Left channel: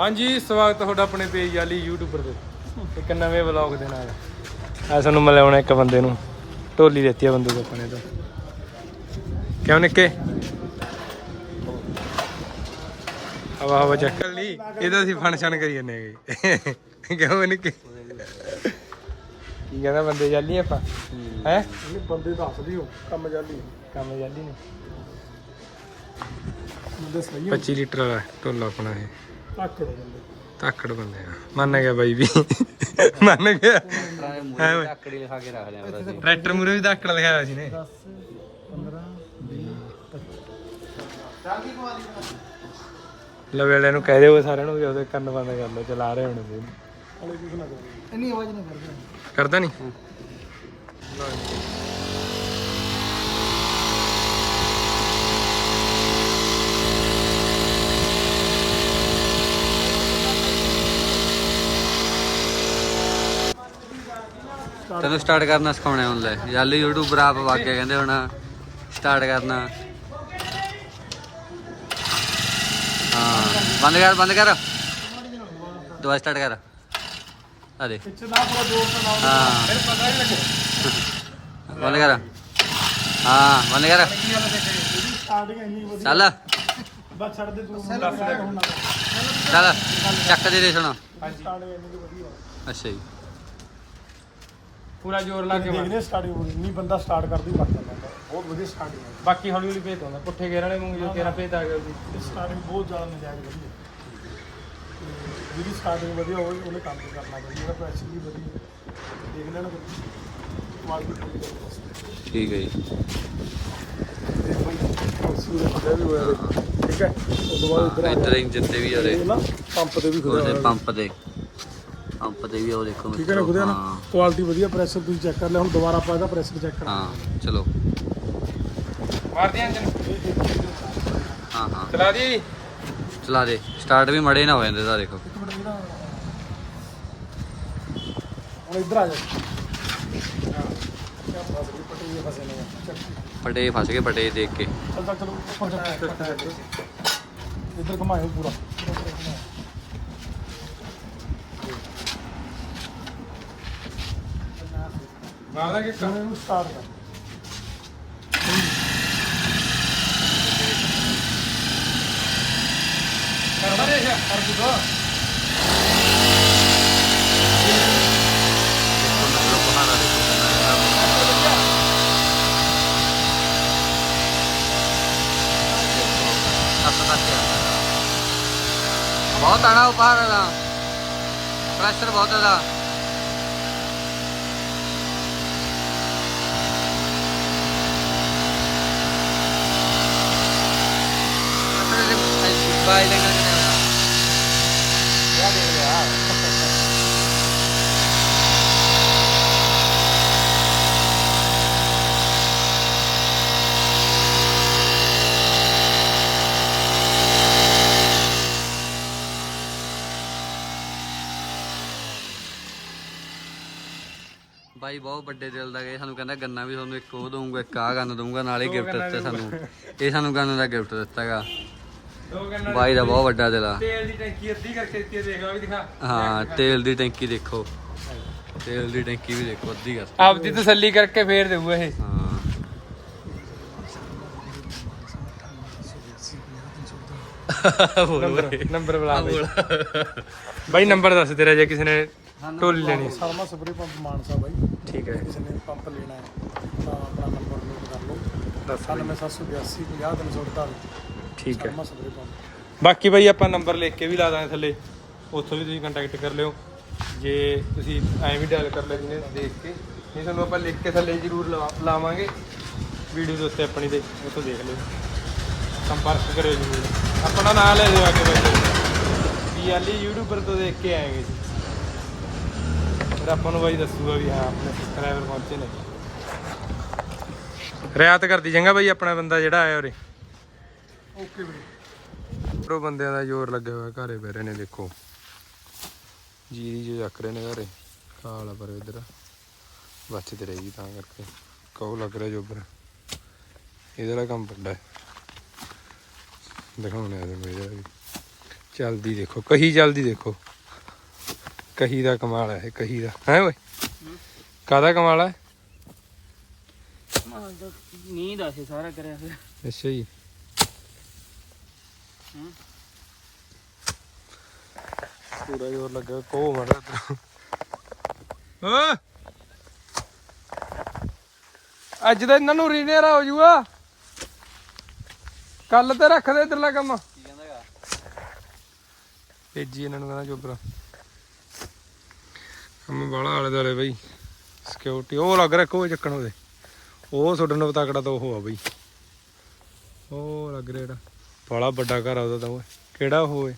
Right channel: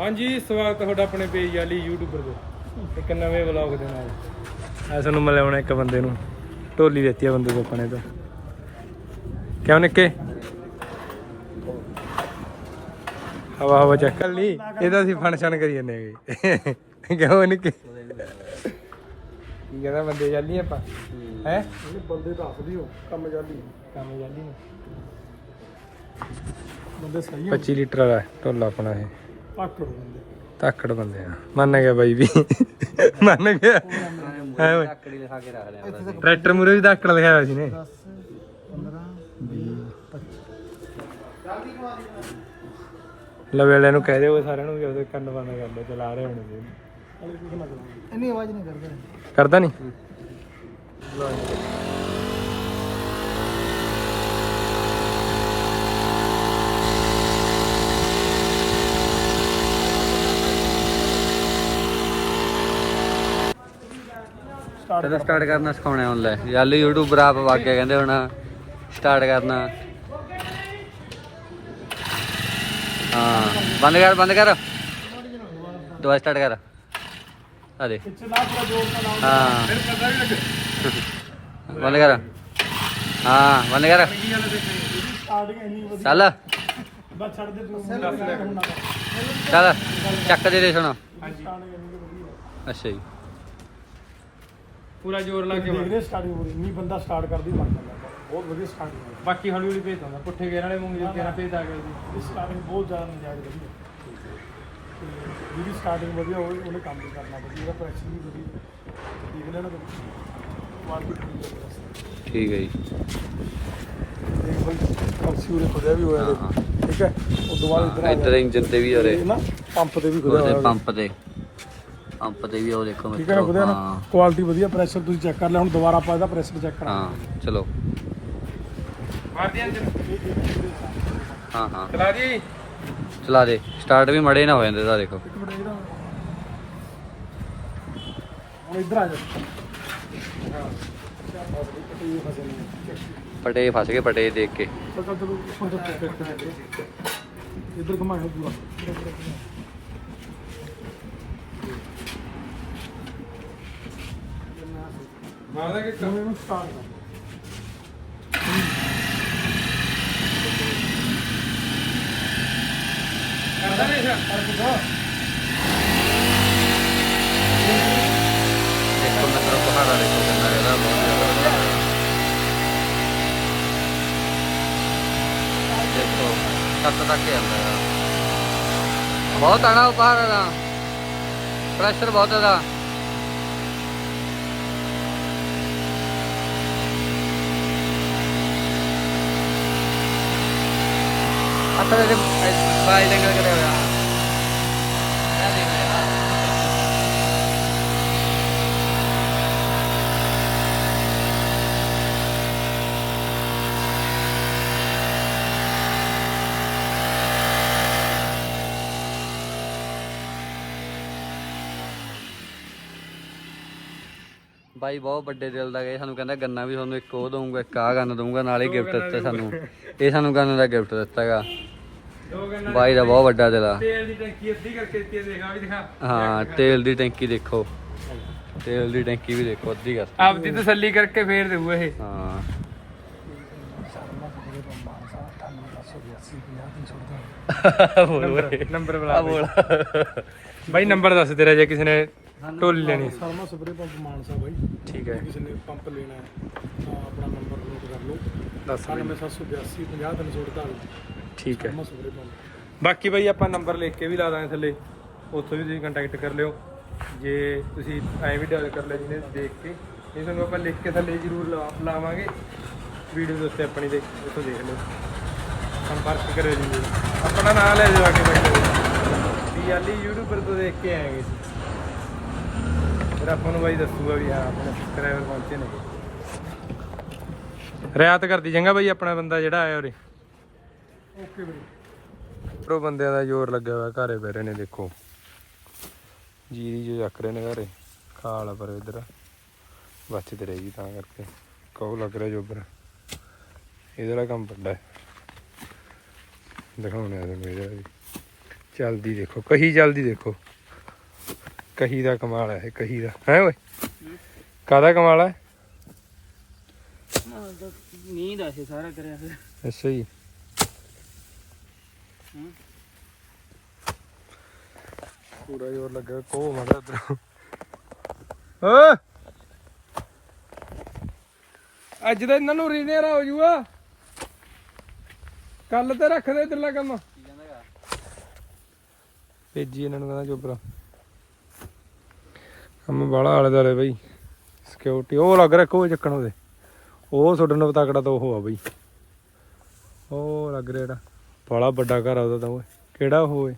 ਹਾਂਜੀ ਸਵਾਗਤ ਤੁਹਾਡਾ ਆਪਣੇ ਪੇਜ ਵਾਲੀ ਯੂਟਿਊਬਰ ਤੇ। ਇੱਕ ਨਵੇਂ ਵਲੌਗ ਦੇ ਨਾਲ। ਆ ਸਾਨੂੰ ਮਿਲਾਉਣਾ ਇੱਕ ਬੰਦੇ ਨੂੰ। ਢੋਲੀ ਦਿੱਤੀ ਆ ਬੰਦੇ ਤੋਂ ਆਪਣੇ ਤੋਂ। ਕਿਉਂ ਨਿੱਕੇ? ਹਵਾ ਹਵਾ ਚੱਕ ਲਈ। ਇਹਦਾ ਅਸੀਂ ਫੰਕਸ਼ਨ ਕਰੀ ਜੰਨੇ ਹੈਗੇ। ਕਿਉਂ ਨਿੱਕੇ? ਕੀ ਕਹਿੰਦਾ ਬੰਦੇ ਚੱਲੀ ਆਪਾਂ? ਹੈ? ਇਹ ਬੰਦੇ ਦੱਸ ਦਿਓ ਕੰਮ ਜਾਂਦੀ ਕੰਮ ਚੱਲੀ ਨੇ। ਬੰਦੇ ਸਹੀ 25 ਲੀਟਰ ਵਾਲਾ ਢੋਲਾ ਆਪਣਾ ਇਹ। ਆਕੜ ਬੰਦੇ। ਆ। ਮੰਨ ਗਿਆ ਬਾਈ ਵੀ। ਮੰਨ ਗਿਆ। ਹੈ ਓਏ ਟਰੈਕਟਰ ਮੂਰੇ ਵੀ ਤਾਕੜ ਲਿਖਿਆ ਹੋਇਆ ਸੀ ਨੇ। 10 15 ਲਵੇ ਵਾਲਿਆਂ ਨੂੰ ਕਹਿ ਦਿਓ ਸਾਰਿਆਂ ਨੂੰ ਵੀ ਉਹਦੇ ਕੰਨ ਬੰਦ ਕਰ ਲਓ ਚਲਾ ਰਹੇ ਹੁਣ ਇੰਨੀ ਆਵਾਜ਼ ਨਹੀਂ ਕਰਦਾ। ਕਰਦਾ ਨਹੀਂ ਤੈਨੂੰ ਸਟਾਰਟ ਕਰਨਾ ਸਿਖਾਉਣਾ ਹੁਣ ਲੈ ਯਾਰ ਯੂਟਿਊਬਰ ਆਪ ਵਾਕਿਆ ਕਹਿੰਦੇ ਹੁਣ ਸਟਾਰਟ ਕਰਨਾ। ਹਾਂ ਬੰਦ ਕਰ ਬੰਦ ਕਰ। ਦੁਬਾਰਾ ਸਟਾਰਟ ਕਰ। ਆ ਦੇ ਪਿੱਛੇ ਨਾ ਪੂਰਾ ਜੋਰ ਤਾਂ ਨਾਲ ਹਾਂ। ਬੰਦ ਕਰ। ਹਾਂ ਬੰਦ ਕਰ। ਚੱਲ ਬਸ ਛੱਡ ਦੇ ਤੂੰ। ਹੁਣ ਨਾ ਚੱਲ। ਚੱਕ ਦੇ ਦੇ ਸੁਣ। ਅੱਛਾ ਜੀ। ਪੂਰਾ ਜ਼ੋਰ ਲਾ ਕੇ ਦੇਖਦੇ ਸਟਾਰਟਿੰਗ ਪੂਰੀ ਨਹੀਂ ਬੰਦਾ ਸਟਾਰਟ ਕਰਦੀ ਮਰ ਜਾਂਦਾ। ਬਹੁਤ ਵਧੀਆ ਸਟਾਰਟਿੰਗ ਹੈ ਬਾਕੀ ਹੌਲੀ ਹੌਲੀ ਭੇਜ ਦਿੰਦਾ ਪੁੱਠੇ ਗੇਰ ਵਾਲੇ ਮੂੰਗ ਜੋ ਤੇਰਾ ਭੇਜ ਆ ਗਿਆ ਉਹਦੀ। ਇਹਦੀ ਸਟਾਰਟਿੰਗ ਬਹੁਤ ਜ਼ਿਆਦਾ ਨਜਾਇਜ਼ ਵਧੀਆ। ਤੇ ਜਿਹਦੀ ਸਟਾਰਟਿੰਗ ਵਧੀਆ ਹੋਵੇ ਉਹਨੇ ਕੰਮ ਵੀ ਕਰਨਾ ਵਧੀਆ ਉਹਦਾ ਪ੍ਰੈਸ਼ਰ ਵੀ ਵਧੀਆ। ਹੈ। ਦੇਖ ਲੈਣਾ ਤੂੰ। ਕੁਆਲਿਟੀ ਪੂਰੀ ਜ਼ਬਰਦਸਤ ਠੀਕ ਹੈ ਜੀ। ਦੇਖ ਬਈ ਕੌਂਸੀ ਦਾ ਖੁਦਾ ਵੀ ਹੋਇਆ ਹਾਂ ਠੀਕ ਹੈ। ਉਸ ਤੋਂ ਬਾਅਦ ਇੱਧਰ ਹਾਂ ਆ ਇੱਧਰ ਇੰਜਨ ਤੇ ਵੀ ਹੋਰੇ ਇਹ ਨਾ ਪੰਪ ਤੇ ਵੀ ਖੁਦਾ ਉਹਦੇ ਹੋਇਆ। ਪੰਪ ਤੇ। ਪੰਪ ਤੇ ਵੀ ਉਹ ਦੇਖੋ ਠੀਕ ਹੈ ਨਾ ਖੁਦਾ ਨਾ? ਹਾਂ। ਕੁਆਲਿਟੀ ਵਧੀਆ ਪ੍ਰੈਸ਼ਰ ਤੁਸੀਂ ਚੈੱਕ ਕਰ ਲੈ ਹੁਣ ਦੁਬਾਰਾ ਆਪਾਂ ਇਹਦਾ ਪ੍ਰੈਸ਼ਰ ਚੈੱਕ ਕਰਾਂਗੇ। ਹਾਂ ਚਲੋ। ਮਾਰਦੇ ਇੰਜਨ ਇਹ ਇੱਕ ਵੀਡੀਓ ਹਾਂ ਹਾਂ। ਚਲਾ ਦੀ। ਚਲਾ ਦੇ। ਸਟਾਰਟ ਵੀ ਮੜੇ ਨਾ ਹੋ ਜਾਂਦੇ ਦਾ ਦੇਖੋ। ਇੱਕ ਮਿੰਟ ਇਹਦਾ ਹੁਣ ਇੱਧਰ ਆ ਜਾ। ਪੱਟੀ ਫਸੇ ਨੇ ਪਟੇ ਫਸ ਗਏ ਪਟੇ ਦੇਖ ਕੇ ਇੱਧਰ ਘੁਮਾਏ ਪੂਰਾ। ਮਾਰਦਾ ਕਿ ਹੁਣ ਇਹਨੂੰ ਸਟਾਰਟ ਕਰ। ਕਰਦਾ ਨਹੀਂ ਇਹ ਕਰ ਦਿੱਤਾ ਦੇਖੋ ਮਤਲਬ ਪਹਾੜਾ ਦੇਖੋ ਕਿੰਨਾ ਜ਼ਿਆਦਾ ਬਹੁਤ ਦੇਖੋ ਸੱਤ ਤੱਕ ਹੀ ਆਉਂਦਾ ਹੈ। ਬਹੁਤ ਆਣਾ ਦਾ ਪ੍ਰੈਸ਼ਰ ਬਹੁਤ ਜ਼ਿਆਦਾ। ਵਿੱਚ ਬਾਈ ਜੰਗਲ ਕਰਿਆ ਹੋਇਆ। ਬਾਈ ਬਹੁਤ ਵੱਡੇ ਦਿਲ ਦਾ ਗਏ ਸਾਨੂੰ ਕਹਿੰਦਾ ਗੰਨਾ ਵੀ ਤੁਹਾਨੂੰ ਇੱਕ ਉਹ ਦਊਂਗਾ ਇੱਕ ਆ ਗੰਨ ਦਊਂਗਾ ਨਾਲੇ ਗਿਫਟ ਦਿੱਤਾ ਸਾਨੂੰ। ਇਹ ਸਾਨੂੰ ਗੰਨ ਦਾ ਗਿਫਟ ਦਿੱਤਾਗਾ ਬਾਈ ਦਾ ਬਹੁਤ ਵੱਡਾ ਦਿਲ ਆ। ਤੇਲ ਦੀ ਟੈਂਕੀ ਅੱਧੀ ਕਰਕੇ ਦਿੱਤੀ ਦੇਖ ਆ ਵੀ ਦਿਖਾ। ਹਾਂ ਤੇਲ ਦੀ ਟੈਂਕੀ ਦੇਖੋ। ਤੇਲ ਦੀ ਟੈਂਕੀ ਵੀ ਦੇਖੋ ਅੱਧੀ ਕਰ। ਆਪਦੀ ਤਸੱਲੀ ਕਰਕੇ ਫੇਰ ਦੇਊ ਇਹ। ਹਾਂ। ਨੰਬਰ ਬੁਲਾ ਬਾਈ ਨੰਬਰ ਦੱਸ ਤੇਰਾ ਜੇ ਕਿਸੇ ਨੇ ਢੋਲੀ ਲੈਣੀ ਸੀ। ਸਰਮਾ ਸੁਪਰੀ ਪੰਪ ਮਾਨਸਾ ਬਾਈ। ਠੀਕ ਹੈ। ਕਿਸੇ ਨੇ ਪੰਪ ਲੈਣਾ ਹੈ ਤਾਂ ਆਪਣਾ ਨੰਬਰ ਨੋਟ ਕਰ ਲਓ। ਦੱਸ ਬਾਈ। 9782 50348 ਠੀਕ ਹੈ। ਪੰਪ। ਬਾਕੀ ਬਾਈ ਆਪਾਂ ਨੰਬਰ ਲਿਖ ਕੇ ਵੀ ਲਾ ਦਾਂਗੇ ਥੱਲੇ। ਉੱਥੋਂ ਵੀ ਤੁਸੀਂ ਕੰਟੈਕਟ ਕਰ ਲਿਓ। ਜੇ ਤੁਸੀਂ ਐਂ ਵੀ ਡਾਇਲ ਕਰ ਲਿਆ ਜਿਹਨੇ ਦੇਖ ਕੇ। ਨਹੀਂ ਤੁਹਾਨੂੰ ਆਪਾਂ ਲਿਖ ਕੇ ਥੱਲੇ ਜ਼ਰੂਰ ਲਵਾ- ਲਾਵਾਂਗੇ। ਵੀਡੀਓ ਦੇ ਉੱਤੇ ਆਪਣੀ ਦੇ ਉੱਥੋਂ ਦੇਖ ਲਿਓ। ਸੰਪਰਕ ਕਰਿਓ ਜ਼ਰੂਰ। ਆਪਣਾ ਨਾਮ ਲੈ ਦਿਓ ਆ ਕੇ ਬਾਈ। ਕੀ ਆਲੀ ਯੂਟਿਊਬਰ ਤੋਂ ਦੇਖ ਕੇ ਆਏਗੇ ਜੀ ਫਿਰ ਆਪਾਂ ਨੂੰ ਬਾਈ ਦੱਸੂਗਾ ਵੀ ਹਾਂ ਆਪਣੇ ਸਬਸਕ੍ਰਾਈਬਰ ਪਹੁੰਚੇ ਨੇ। ਰਿਆਤ ਕਰਦੀ ਚੰਗਾ ਬਾਈ ਆਪਣਾ ਬੰਦਾ ਜਿਹੜਾ ਆਇਆ ਉਰੇ। ਓਕੇ ਵੀਰੇ ਪ੍ਰੋ ਬੰਦਿਆਂ ਦਾ ਜ਼ੋਰ ਲੱਗਿਆ ਹੋਇਆ ਘਰੇ ਬਹਿ ਰਹੇ ਨੇ ਦੇਖੋ। ਜੀਰੀ ਜੋ ਚੱਕ ਰਹੇ ਨੇ ਘਰੇ ਖਾਲ ਪਰ ਇਧਰ। ਬਚਤ ਰਹੇਗੀ ਤਾਂ ਕਰਕੇ। ਕਹੋ ਲੱਗ ਰਿਹਾ ਜੋਬਰ ਇਹਦਾ ਕੰਮ ਵੱਡਾ ਹੈ। ਦਿਖਾਉਣੇ ਆ ਤੁਹਾਨੂੰ ਇਹਦਾ ਵੀ। ਚੱਲਦੀ ਦੇਖੋ ਕਹੀ ਚੱਲਦੀ ਦੇਖੋ। ਕਹੀ ਦਾ ਕਮਾਲ ਹੈ ਕਹੀ ਦਾ। ਹੈ ਓਏ? ਕਾਦਾ ਕਮਾਲ ਹੈ? ਮਾਲ ਦਾ ਨੀਂਦ ਆ ਸੀ ਸਾਰਾ ਕਰਿਆ ਫਿਰ ਅੱਛਾ ਜੀ। ਪੂਰਾ ਜੋਰ ਲੱਗਾ ਕੋ ਮੜਾ ਤਰ ਓ! ਅੱਜ ਤਾਂ ਇਹਨਾਂ ਨੂੰ ਰੀਨੇਰਾ ਹੋ ਜੂਗਾ ਕੱਲ ਤੇ ਰੱਖ ਦੇ ਇਧਰਲਾ ਕੰਮ। ਭੇਜੀ ਇਹਨਾਂ ਨੂੰ ਕਹਿੰਦਾ ਚੋਬਰਾ ਕੰਮ ਬਾਲਾ ਆਲੇ ਦਾਲੇ ਬਈ। ਸਿਕਿਉਰਿਟੀ ਉਹ ਲੱਗ ਰਿਹਾ ਕੋ ਚੱਕਣ ਉਹਦੇ। ਉਹ ਤੁਹਾਡੇ ਨਾਲ ਤਕੜਾ ਤਾਂ ਉਹ ਆ ਬਈ। ਉਹ ਲੱਗ ਰਿਹਾ ਜਿਹੜਾ ਬੜਾ ਵੱਡਾ ਘਰ ਆ ਉਹਦਾ ਤਾਂ ਓਏ। ਕਿਹੜਾ ਹੋਵੇ